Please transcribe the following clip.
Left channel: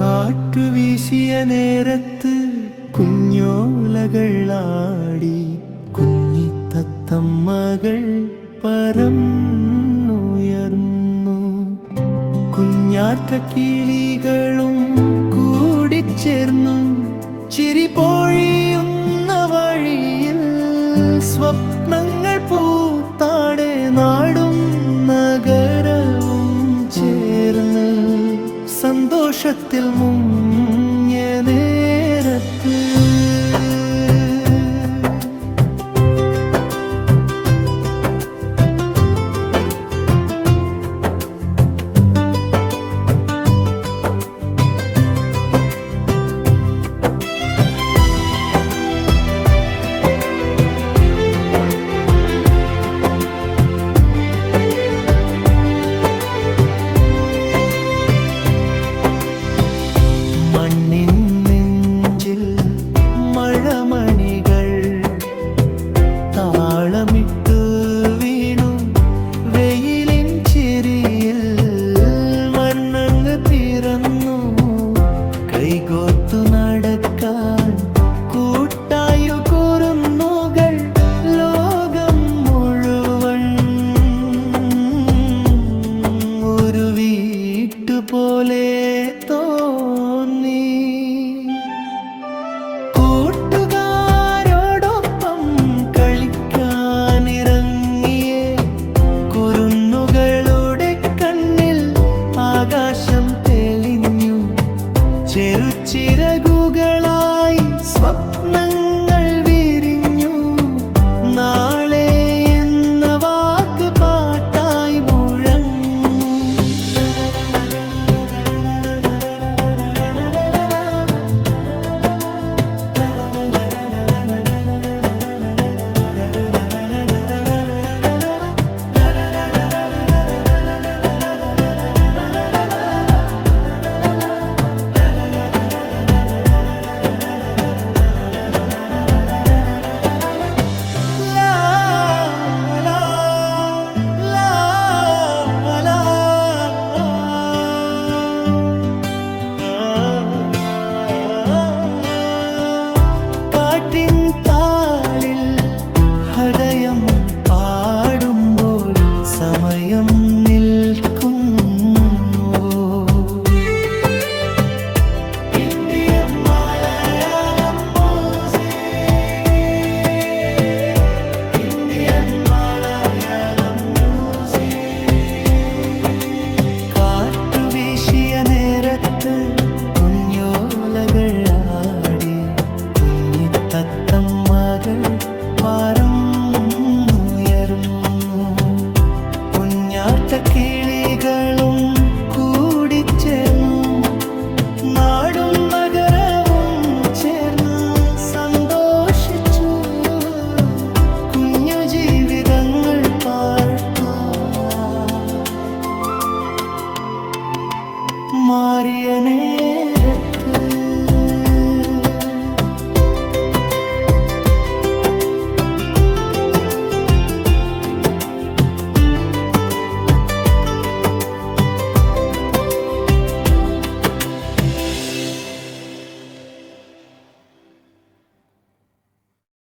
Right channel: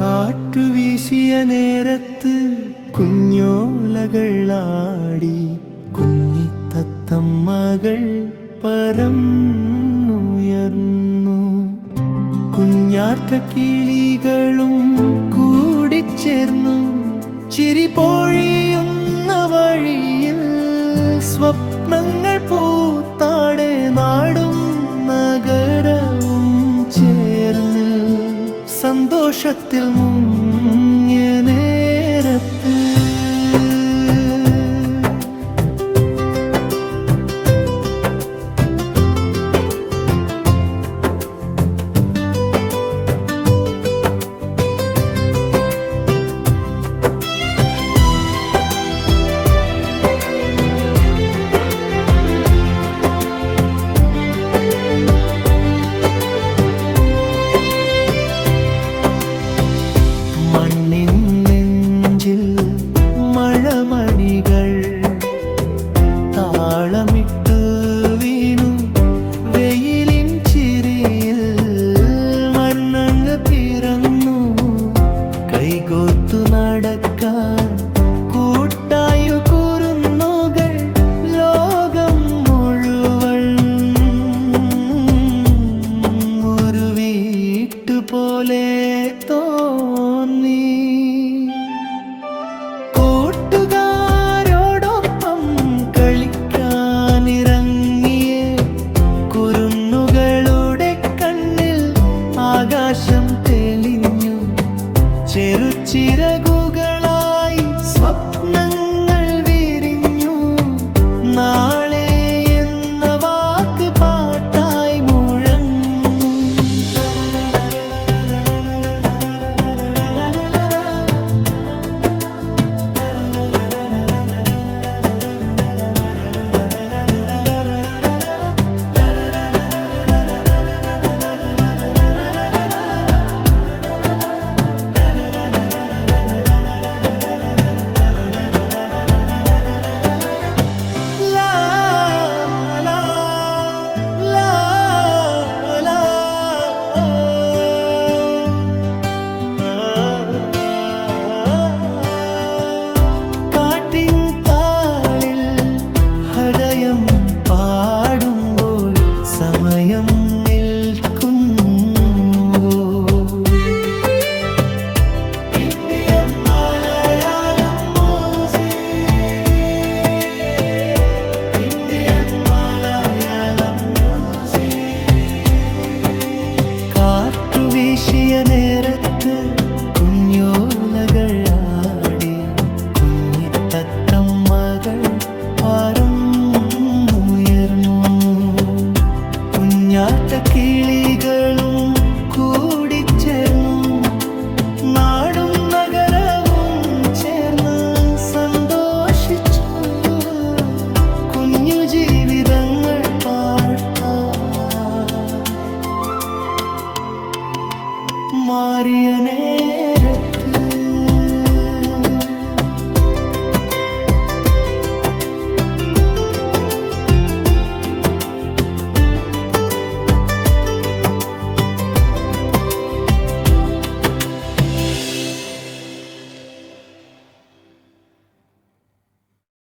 കാറ്റുവീശിയ നേരത്ത് കുഞ്ഞോലകളാടി കുഞ്ഞിത്തത്തമ്മകൾ പറന്നുയർന്നു. കുഞ്ഞാറ്റ കിളികളും കൂടിച്ചേർന്നു. ചിരി പൊഴിയുന്ന വഴിയിൽ സ്വപ്നങ്ങൾ പൂത്താടെ നാടും നഗരവും ചേർന്ന് സന്തോഷത്തിൽ മുങ്ങിയ നേരത്ത് മണ്ണിൻ നെഞ്ചിൽ മഴമണികൾ താളമിട്ടു വീണു. വെയിലിൻ ചിരിയിൽ വർണ്ണങ്ങൾ പിറന്നു. കൈകോർത്തു നടക്കാൻ കൂട്ടായു കുരുന്നുകൾ. ലോകം മുഴുവൻ ഒരു വീട്ടുപോലെ തോന്നി. കൂട്ടുകാരോടൊപ്പം കളിക്കാനിറങ്ങിയ കുരുന്നുകളുടെ കണ്ണിൽ ആകാശം തെളിഞ്ഞു. ചെറുചിറകുകളായി സ്വപ്നങ്ങൾ വിരിഞ്ഞു. നാളെ എന്ന വാക്ക് പാട്ടായി മുഴങ്ങും. കാറ്റിൻ താളിൽ ഹൃദയം പാടുമ്പോൾ സമയം നിൽക്കുന്നുവോ? കാറ്റുവീശിയ നേരത്ത് കുഞ്ഞോലകൾ ആടി കുഞ്ഞിത്തത്തമ്മകൾ പറന്നുയർന്നു. കുഞ്ഞാറ്റ കിളികളും കൂടിച്ചേർന്നു. നാടും നഗരവും ചേർന്ന് സന്തോഷിച്ചു. കുഞ്ഞു ജീവിതങ്ങൾ പാർത്താൻ മാറിയ നേരത്ത്